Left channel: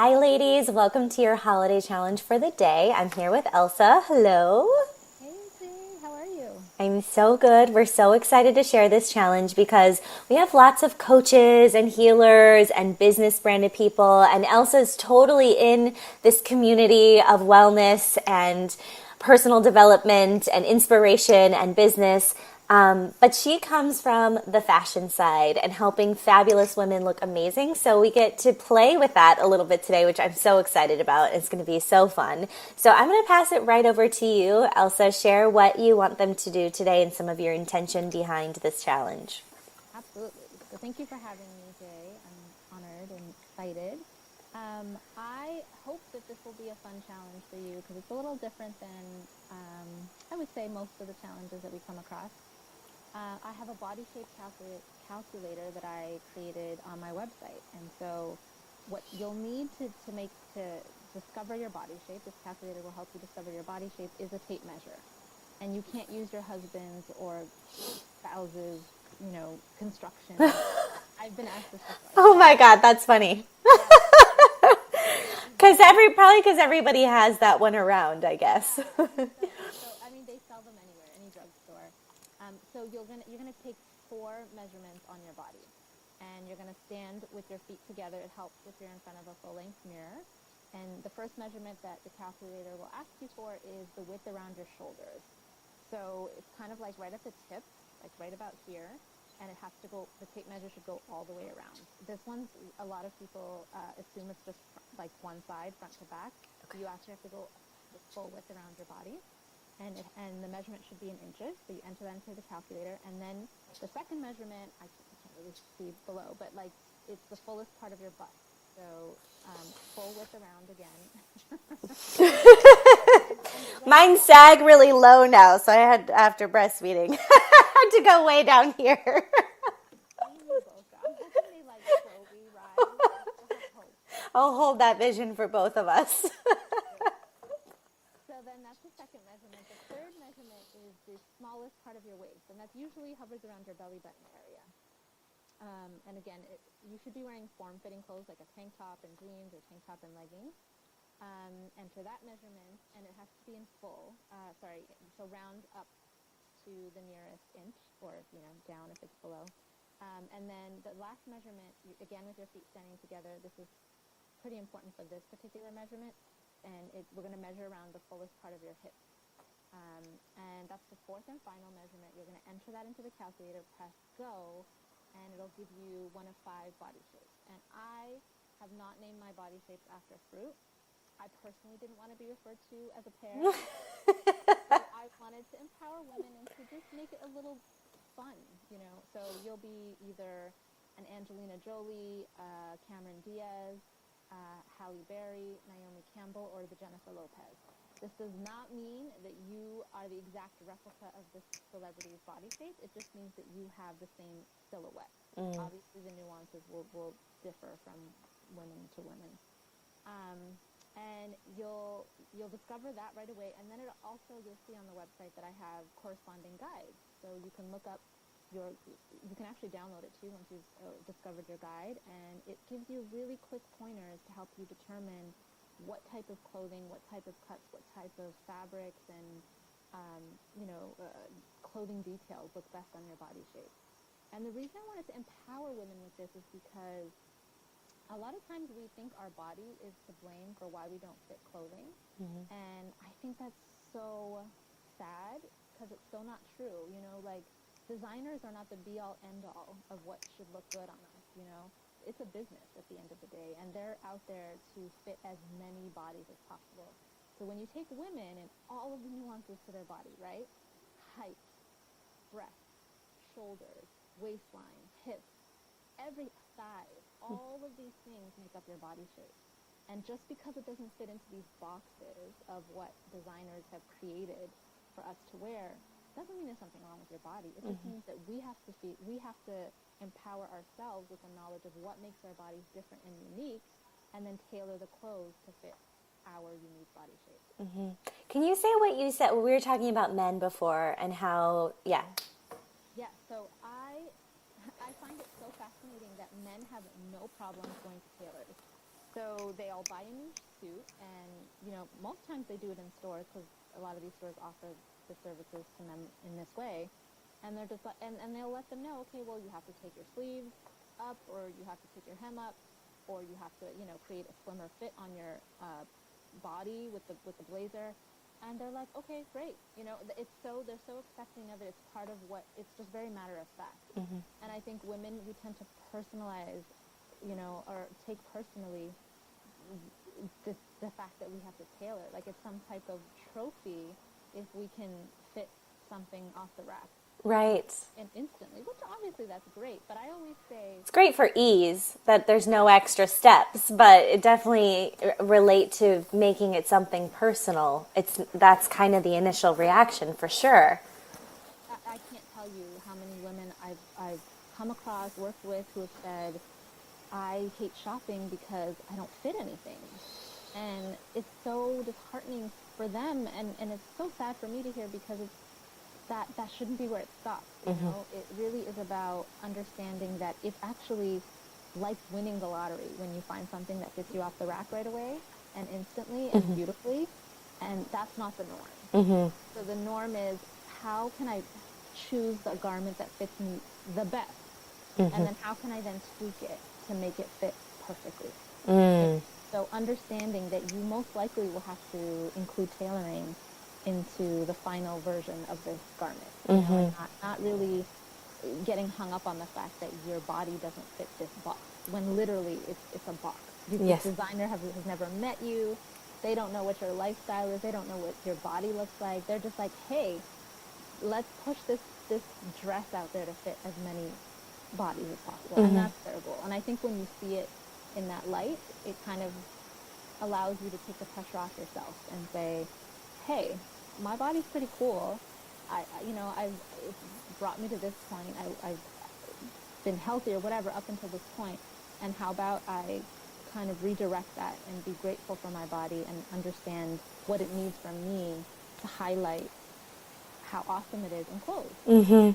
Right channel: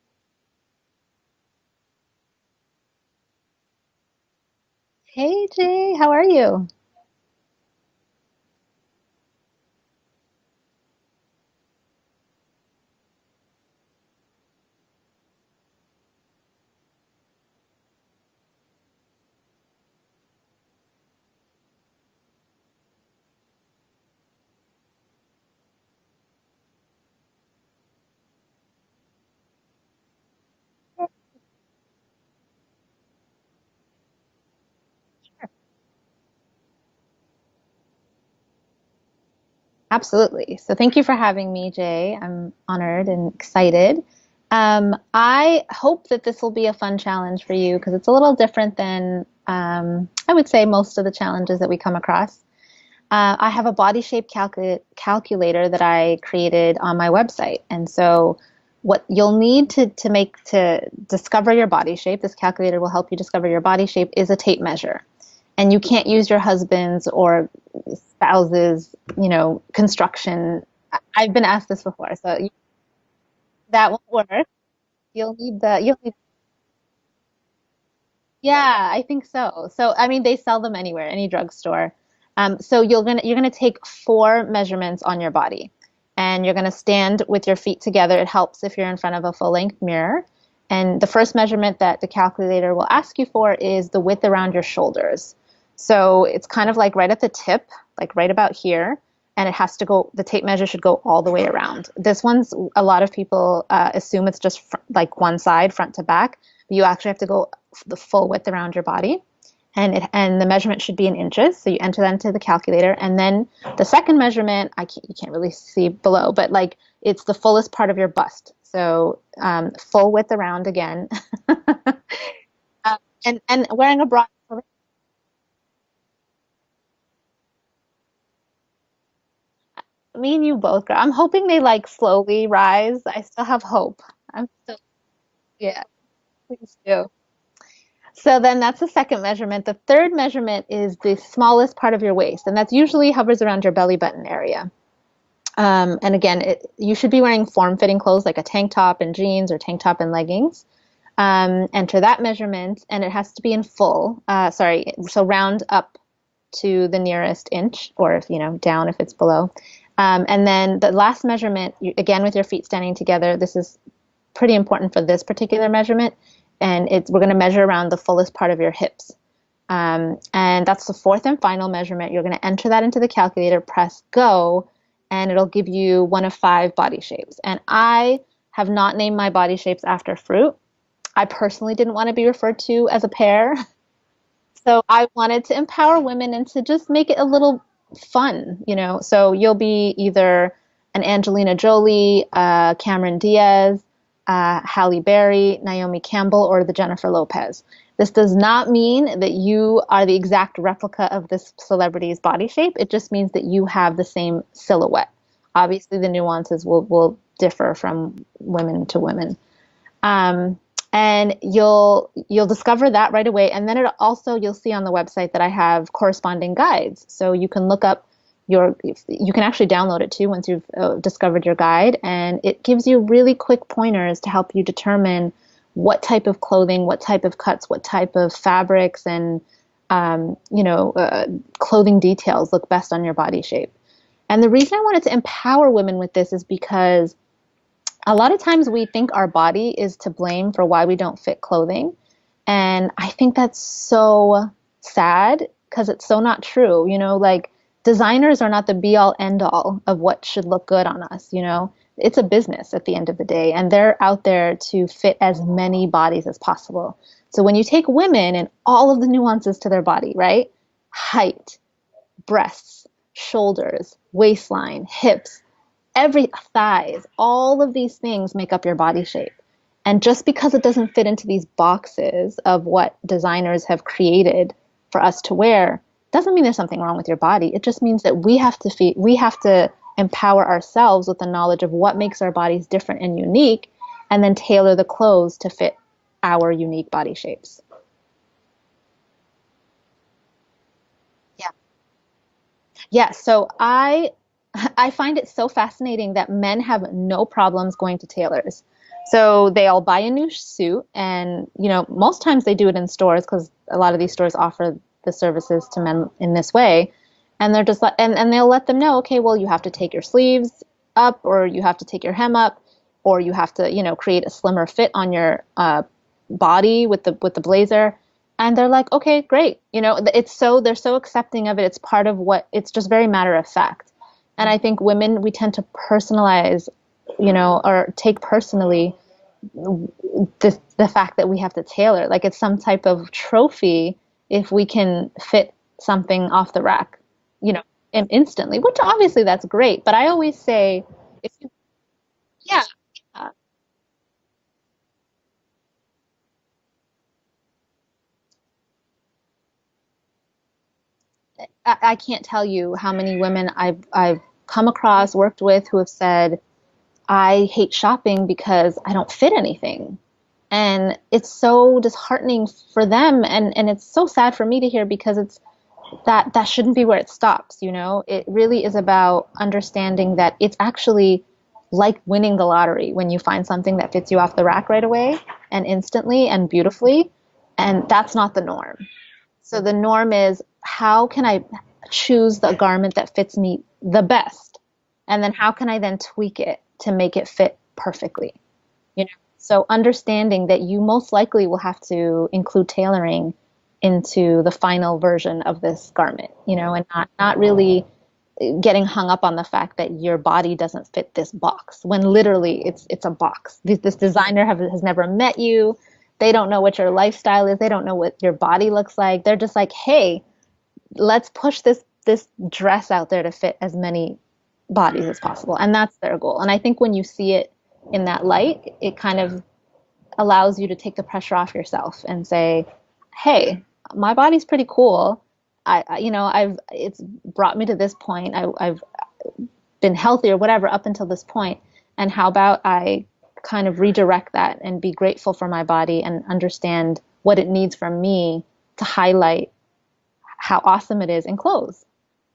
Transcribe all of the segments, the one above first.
Hi, ladies. Welcome to your holiday challenge for the day. I'm here with Elsa. Hello. Hey Jay, how are you? I'm so good. We're so excited to share this challenge because we have lots of coaches and healers and business branded people, and Elsa's totally in this community of wellness and personal development and inspiration and business. But she comes from the fashion side and helping fabulous women look amazing. So we get to play with that a little bit today, which I'm so excited about. It's going to be so fun. So I'm going to pass it right over to you, Elsa. Share what you want them to do today and some of your intention behind this challenge. Absolutely. So thank you for having me, Jay. I'm honored and excited. I hope that this will be a fun challenge for you because it's a little different than I would say most of the challenges that we come across. I have a body shape calculator that I created on my website. And so what you'll need to discover your body shape, this calculator will help you discover your body shape, is a tape measure. And you can't use your husband's or spouse's, construction. I've been asked this before, Oh so my God, that's funny. that would work. You'll need Because the, probably because everybody has that one around, I guess. Yeah, I think so. So, I mean, they sell them anywhere, any drugstore. So you're gonna take four measurements on your body, and you're gonna stand with your feet together. It helps if you're in front of a full-length mirror. And the first measurement that the calculator will ask you for is the width around your shoulders. So it's kind of like right at the tip, like right about here, and it has to go. The tape measure should go all the way around. This one's a lot of people assume it's just like one side, front to back. You actually have to go the full width around your body, and the measurement should be in inches. So you enter that into the calculator, and then the second measurement, you can't really see below, but like it's the fullest part of your bust. So full width around again, and wearing a Mine bra. sag really low now, so I had after breastfeeding, I had to go way down here. Me and you both, girl. I'm hoping they like slowly rise. I still have hope. I'm I'll still, hold that vision for both yeah, of us. please do. So then that's the second measurement. The third measurement is the smallest part of your waist, and that's usually hovers around your belly button area. And again, you should be wearing form-fitting clothes like a tank top and jeans or tank top and leggings. Enter that measurement, and it has to be in full. So round up to the nearest inch, or if down if it's below. And then the last measurement, again with your feet standing together. This is pretty important for this particular measurement, and we're going to measure around the fullest part of your hips. And that's the fourth and final measurement. You're going to enter that into the calculator, press go, and it'll give you one of five body shapes. And I have not named my body shapes after fruit. I personally didn't want to be referred to as a pear. So I wanted to empower women and to just make it a little fun. So you'll be either an Angelina Jolie, Cameron Diaz, Halle Berry, Naomi Campbell, or the Jennifer Lopez. This does not mean that you are the exact replica of this celebrity's body shape. It just means that you have the same silhouette. Obviously, the nuances will differ from women to women. And you'll discover that right away. And then you'll see on the website that I have corresponding guides. So you can look up you can actually download it too once you've discovered your guide. And it gives you really quick pointers to help you determine what type of clothing, what type of cuts, what type of fabrics and, clothing details look best on your body shape. And the reason I wanted to empower women with this is because a lot of times we think our body is to blame for why we don't fit clothing. And I think that's so sad because it's so not true. Like designers are not the be all end all of what should look good on us. It's a business at the end of the day, and they're out there to fit as many bodies as possible. So when you take women and all of the nuances to their body, right? Height, breasts, shoulders, waistline, hips, every thighs, all of these things make up your body shape. And just because it doesn't fit into these boxes of what designers have created for us to wear, doesn't mean there's something wrong with your body. It just means that we have to empower ourselves with the knowledge of what makes our bodies different and unique, and then tailor the clothes to fit our unique body shapes. Can you say what you said? We were talking about men before and Yeah. how, yeah. Yeah. So I find it so fascinating that men have no problems going to tailors. So they'll buy a new suit, and most times they do it in stores because a lot of these stores offer the services to men in this way. And they're just like, and they'll let them know, okay, well, you have to take your sleeves up, or you have to take your hem up, or you have to, create a slimmer fit on your body with the blazer. And they're like, okay, great. They're so accepting of it. It's part of it's just very matter of fact. Mm-hmm. And I think women, we tend to personalize, or take personally the fact that we have to tailor. Like it's some type of trophy if we can fit something off the rack, right, instantly, which obviously that's great. But I always say it's great for ease that there's no extra steps, but it definitely relate to making it something personal. That's kind of the initial reaction for sure. I can't tell you how many women I've come across, worked with, who have said, I hate shopping because I don't fit anything. And it's so disheartening for them. And it's so sad for me to hear, because it's that shouldn't be where it stops. It really is about understanding that it's actually like winning the lottery when you find something that fits you off the rack right away and instantly and beautifully. And that's not the norm. Mm-hmm. So the norm is, how can I choose the garment that fits me the best? Mm-hmm. And then how can I then tweak it to make it fit perfectly? So understanding that you most likely will have to include tailoring into the final version of this garment, and not really getting hung up on the fact that your body doesn't fit this box, when literally it's a box. This designer has never met you. They don't know what your lifestyle is. They don't know what your body looks like. They're just like, hey, let's push this dress out there to fit as many bodies as possible. And that's their goal. And I think when you see it in that light, it kind of allows you to take the pressure off yourself and say, hey, my body's pretty cool. It's brought me to this point. I've been healthy or whatever up until this point. And how about I kind of redirect that and be grateful for my body and understand what it needs from me to highlight how awesome it is in clothes. Mm-hmm.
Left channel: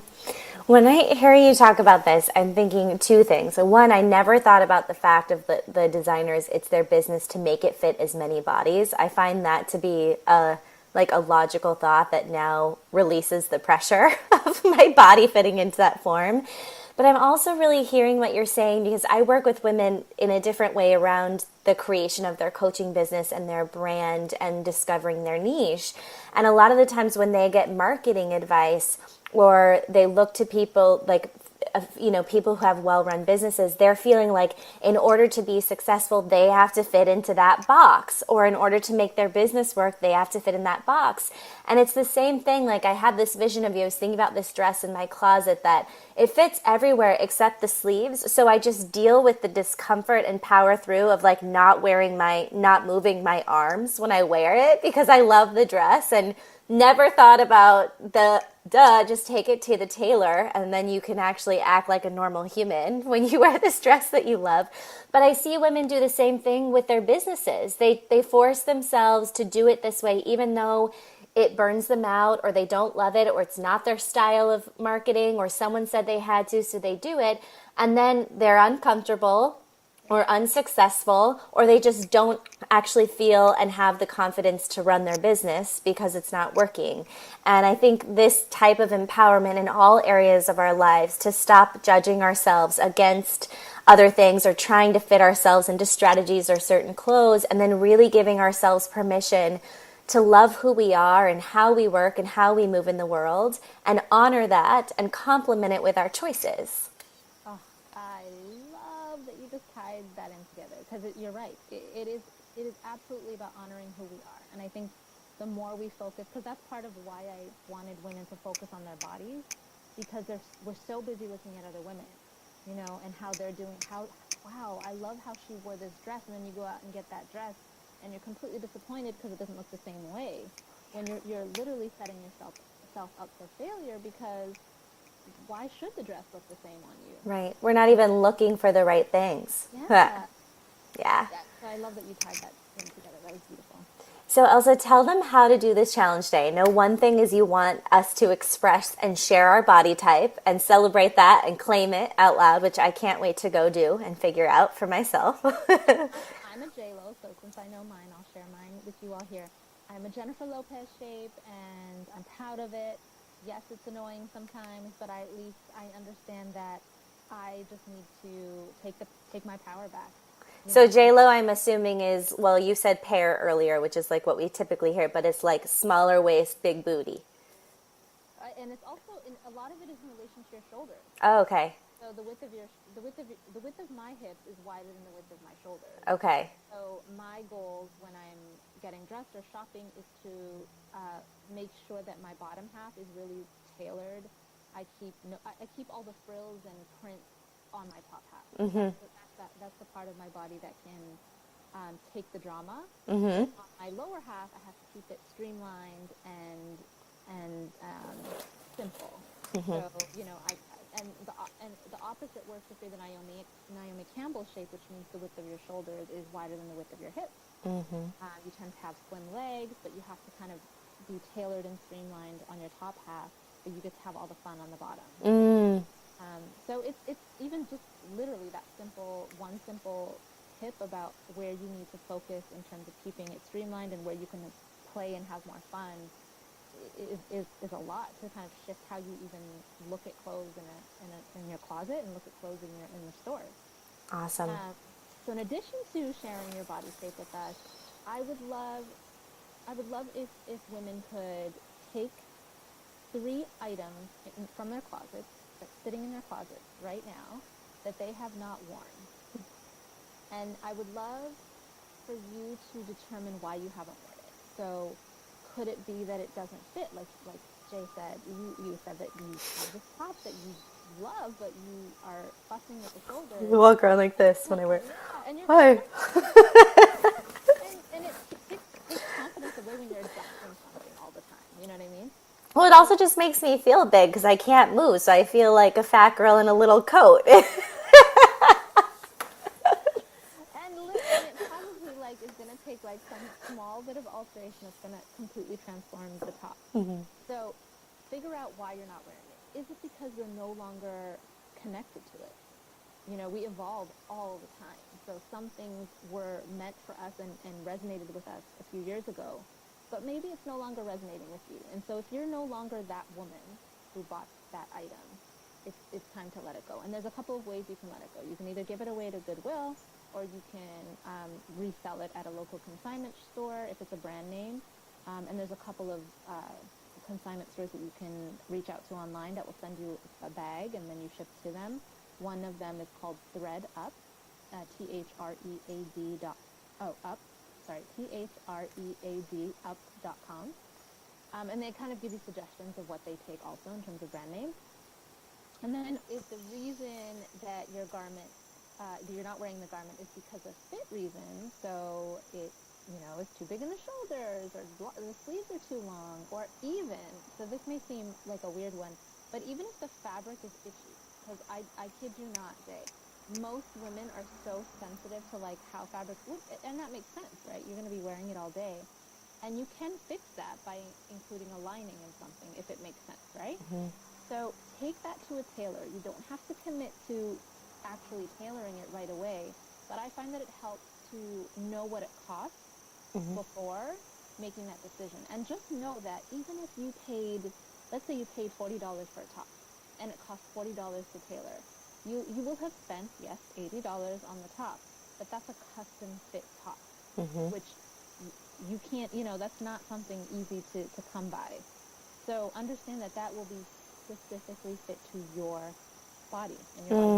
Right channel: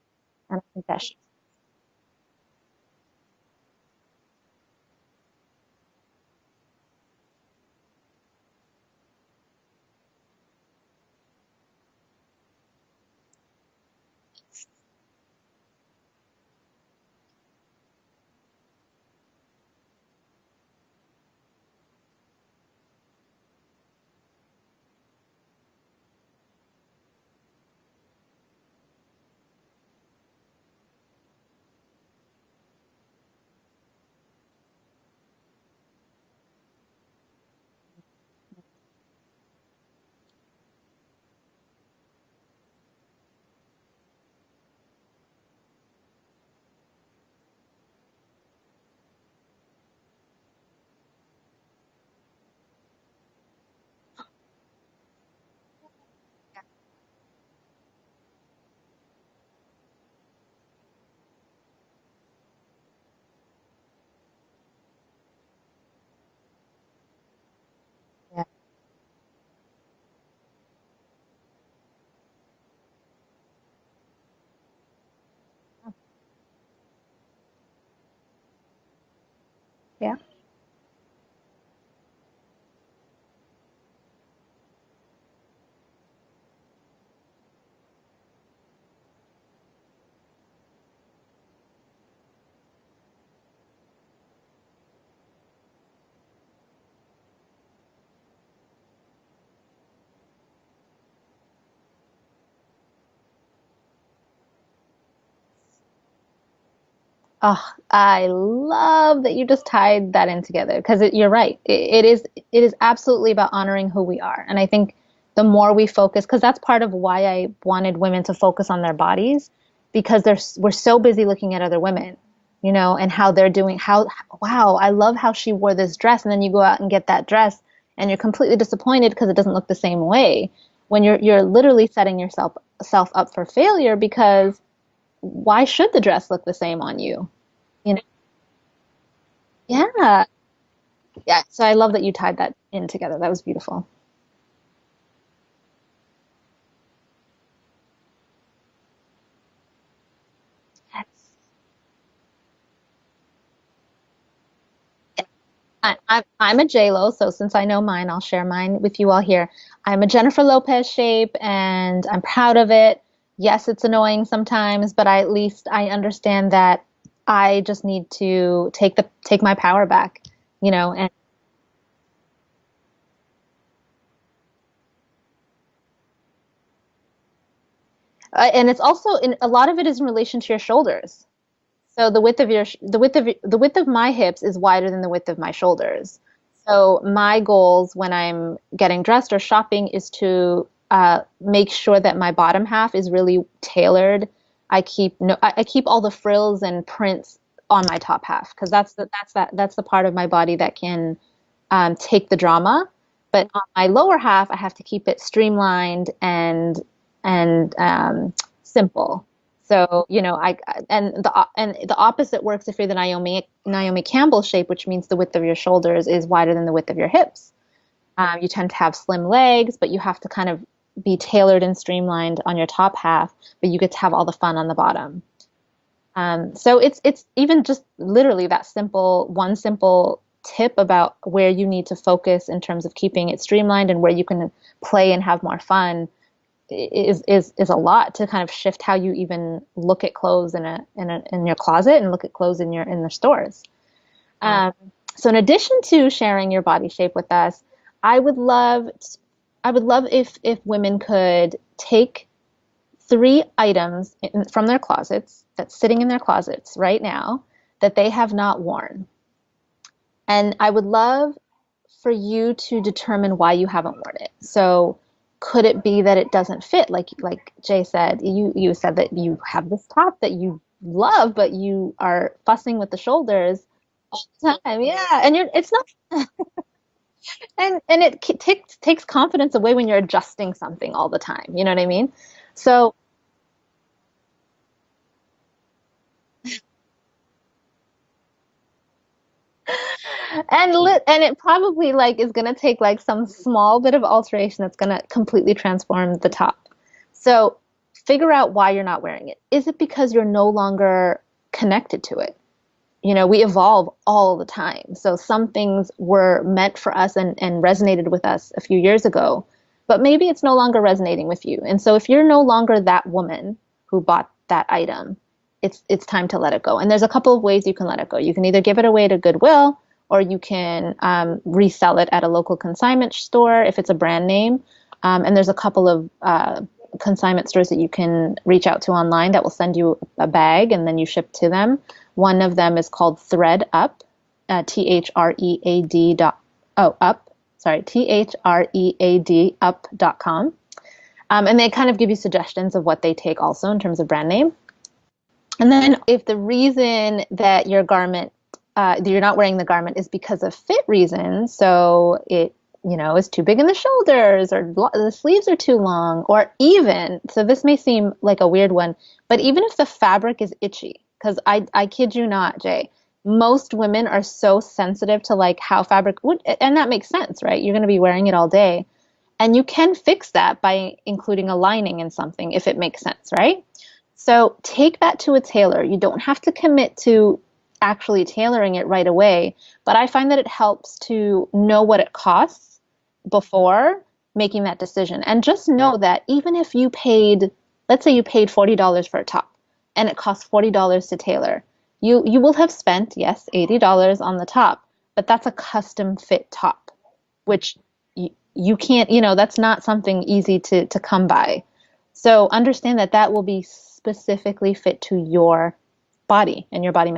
When I hear you talk about this, I'm thinking two things. So one, I never thought about the fact of the designers, it's their business to make it fit as many bodies. I find that to be a logical thought that now releases the pressure of my body fitting into that form. But I'm also really hearing what you're saying, because I work with women in a different way around the creation of their coaching business and their brand and discovering their niche. And a lot of the times when they get marketing advice, or they look to people people who have well-run businesses, they're feeling like in order to be successful, they have to fit into that box, or in order to make their business work, they have to fit in that box. And it's the same thing. Like, I had this vision of you. I was thinking about this dress in my closet that it fits everywhere except the sleeves. So I just deal with the discomfort and power through of not moving my arms when I wear it, because I love the dress and never thought about just take it to the tailor and then you can actually act like a normal human when you wear this dress that you love. But I see women do the same thing with their businesses. They force themselves to do it this way, even though it burns them out, or they don't love it, or it's not their style of marketing, or someone said they had to, so they do it. And then they're uncomfortable or unsuccessful, or they just don't actually feel and have the confidence to run their business because it's not working. And I think this type of empowerment in all areas of our lives, to stop judging ourselves against other things or trying to fit ourselves into strategies or certain clothes, and then really giving ourselves permission to love who we are and how we work and how we move in the world, and honor that and complement it with our choices. Oh, I love that you just tied that in together, because you're right. It is absolutely about honoring who we are. And I think the more we focus, because that's part of why I wanted women to focus on their bodies, because we're so busy looking at other women, and how they're doing, wow, I love how she wore this dress. And then you go out and get that dress and you're completely disappointed because it doesn't look the same way, when you're literally setting yourself up for failure, because why should the dress look the same on you? Right. We're not even looking for the right things. Yeah. Yeah. Yeah. So I love that you tied that in together. That was beautiful. So Elsa, tell them how to do this challenge day. I know one thing is you want us to express and share our body type and celebrate that and claim it out loud, which I can't wait to go do and figure out for myself. I'm a J-Lo, so since I know mine, I'll share mine with you all here. I'm a Jennifer Lopez shape, and I'm proud of it. Yes, it's annoying sometimes, but at least I understand that I just need to take my power back, So and J-Lo, I'm assuming is, well, you said pear earlier, which is like what we typically hear, but it's like smaller waist, big booty. and it's also in a lot of it is in relation to your shoulders. Oh, okay. So the width of my hips is wider than the width of my shoulders. Okay. So my goals when I'm getting dressed or shopping is to make sure that my bottom half is really tailored. I keep all the frills and prints on my top half because that's the part of my body that can take the drama. But on my lower half, I have to keep it streamlined and simple. So, the opposite works if you're the Naomi Campbell shape, which means the width of your shoulders is wider than the width of your hips. You tend to have slim legs, but you have to kind of be tailored and streamlined on your top half, but you get to have all the fun on the bottom. So it's even just literally that one simple tip about where you need to focus in terms of keeping it streamlined and where you can play and have more fun is a lot to kind of shift how you even look at clothes in your closet and look at clothes in your stores. Awesome. So in addition to sharing your body shape with us, I would love if women could take 3 items from their closets that's sitting in their closets right now that they have not worn. And I would love for you to determine why you haven't worn it. So could it be that it doesn't fit? Like Jay said, you said that you have this top that you love, but you are fussing with the shoulders. You walk around like this. Yeah, and it's not, and it takes confidence away when you're adjusting something all the time. You know what I mean? Well, it also just makes me feel big because I can't move, so I feel like a fat girl in a little coat. And it probably is gonna take some small bit of alteration that's gonna completely transform the top. So figure out why you're not wearing it. Is it because you're no longer connected to it? We evolve all the time. So some things were meant for us and resonated with us a few years ago, but maybe it's no longer resonating with you. And so if you're no longer that woman who bought that item, it's time to let it go. And there's a couple of ways you can let it go. You can either give it away to Goodwill, or you can resell it at a local consignment store if it's a brand name. And there's a couple of consignment stores that you can reach out to online that will send you a bag and then you ship to them. One of them is called Thread Up, THREAD up.com. And they kind of give you suggestions of what they take also in terms of brand name. And then if the reason that your garment, that you're not wearing the garment is because of fit reasons, so it, is too big in the shoulders or the sleeves are too long, or even, so this may seem like a weird one, but even if the fabric is itchy, because I kid you not, Jay, most women are so sensitive to how fabric would, and that makes sense, right? You're going to be wearing it all day. And you can fix that by including a lining in something if it makes sense, right? So take that to a tailor. You don't have to commit to actually tailoring it right away, but I find that it helps to know what it costs before making that decision. And just know that even if you paid, let's say you paid $40 for a top and it costs $40 to tailor, you will have spent, yes, $80 on the top, but that's a custom fit top, which you can't, that's not something easy to come by. So understand that will be specifically fit to your body and your body.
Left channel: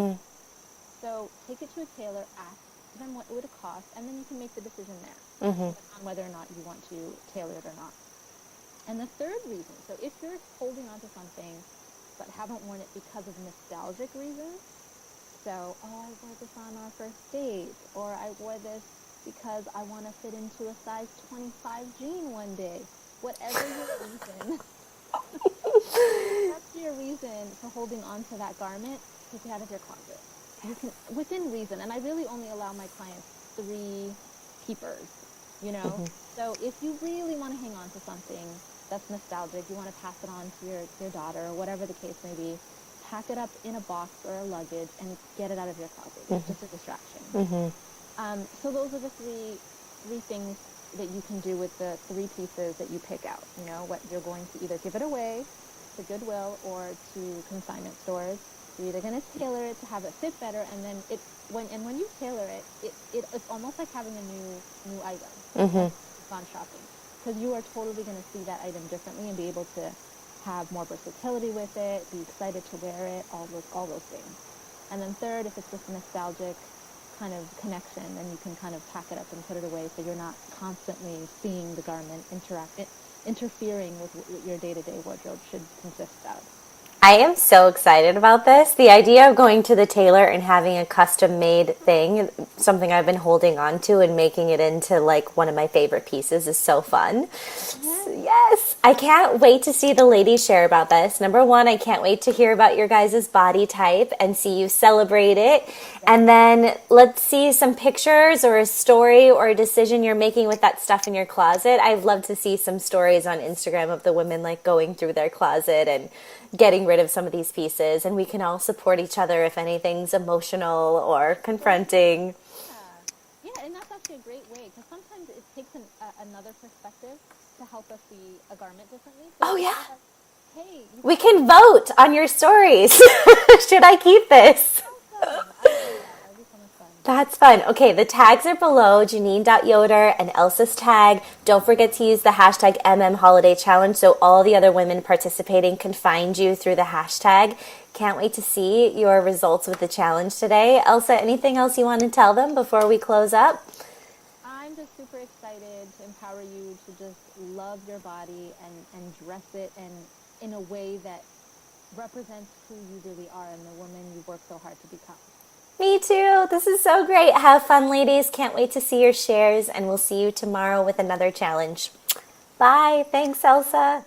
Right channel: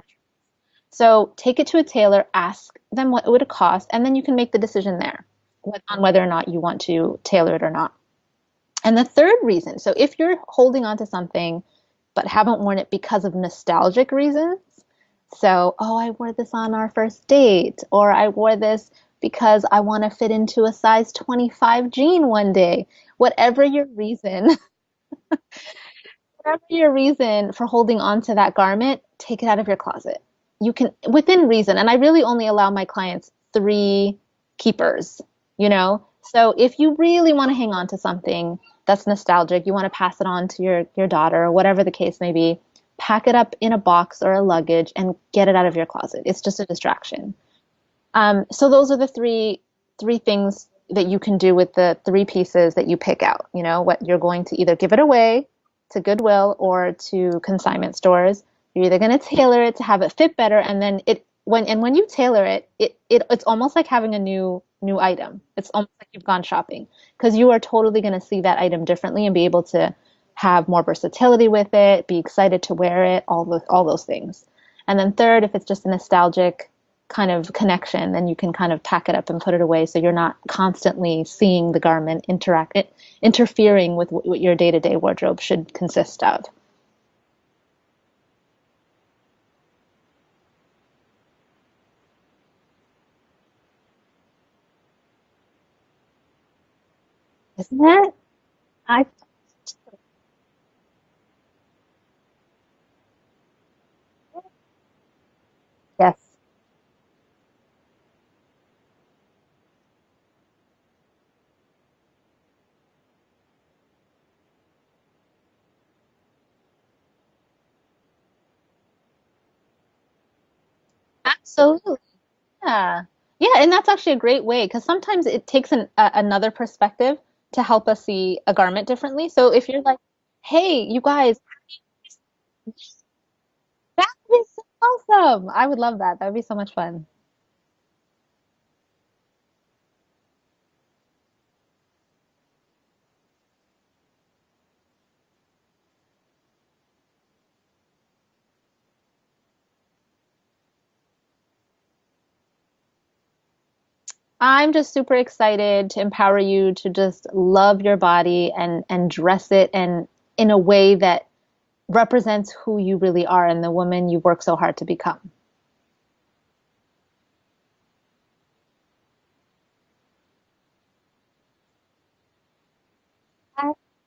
So take it to a tailor, ask them what it would cost, and then you can make the decision there on whether or not you want to tailor it or not. And the third reason, so if you're holding on to something but haven't worn it because of nostalgic reasons, so, I wore this on our first date, or I wore this because I want to fit into a size 25 jean one day, whatever your reason, for holding on to that garment, take it out of your closet. You can, within reason, and I really only allow my clients 3 keepers, So if you really want to hang on to something that's nostalgic, you want to pass it on to your daughter or whatever the case may be, pack it up in a box or a luggage and get it out of your closet. It's just a distraction. So those are the three things that you can do with the three pieces that you pick out. You know, what you're going to either give it away to Goodwill or to consignment stores. You're either going to tailor it to have it fit better, and then when you tailor it, it's almost like having a new item. It's almost like you've gone shopping because you are totally going to see that item differently and be able to have more versatility with it, be excited to wear it, all those things. And then third, if it's just a nostalgic kind of connection, then you can kind of pack it up and put it away so you're not constantly seeing the garment interfering with what your day-to-day wardrobe should consist of. I am so excited about this. The idea of going to the tailor and having a custom made thing, something I've been holding on to and making it into like one of my favorite pieces is so fun. Yes. I can't wait to see the ladies share about this. Number one, I can't wait to hear about your guys' body type and see you celebrate it. Yes. And then let's see some pictures or a story or a decision you're making with that stuff in your closet. I'd love to see some stories on Instagram of the women like going through their closet and getting rid of some of these pieces, and we can all support each other if anything's emotional or confronting. Yeah. Yeah, and that's actually a great way because sometimes it takes another perspective to help us see a garment differently. So if you're like, hey, you guys, we can vote on your stories. Should I keep this? Awesome. I would love that. That would be so much fun. That's fun. Okay, the tags are below, Janine.Yoder and Elsa's tag. Don't forget to use the hashtag #HolidayChallenge so all the other women participating can find you through the hashtag. Can't wait to see your results with the challenge today. Elsa, anything else you want to tell them before we close up? I'm just super excited to empower you to just love your body and dress it and in a way that represents who you really are and the woman you work so hard to become. Me too. This is so great. Have fun, ladies. Can't wait to see your shares, and we'll see you tomorrow with another challenge. Bye. Thanks, Elsa.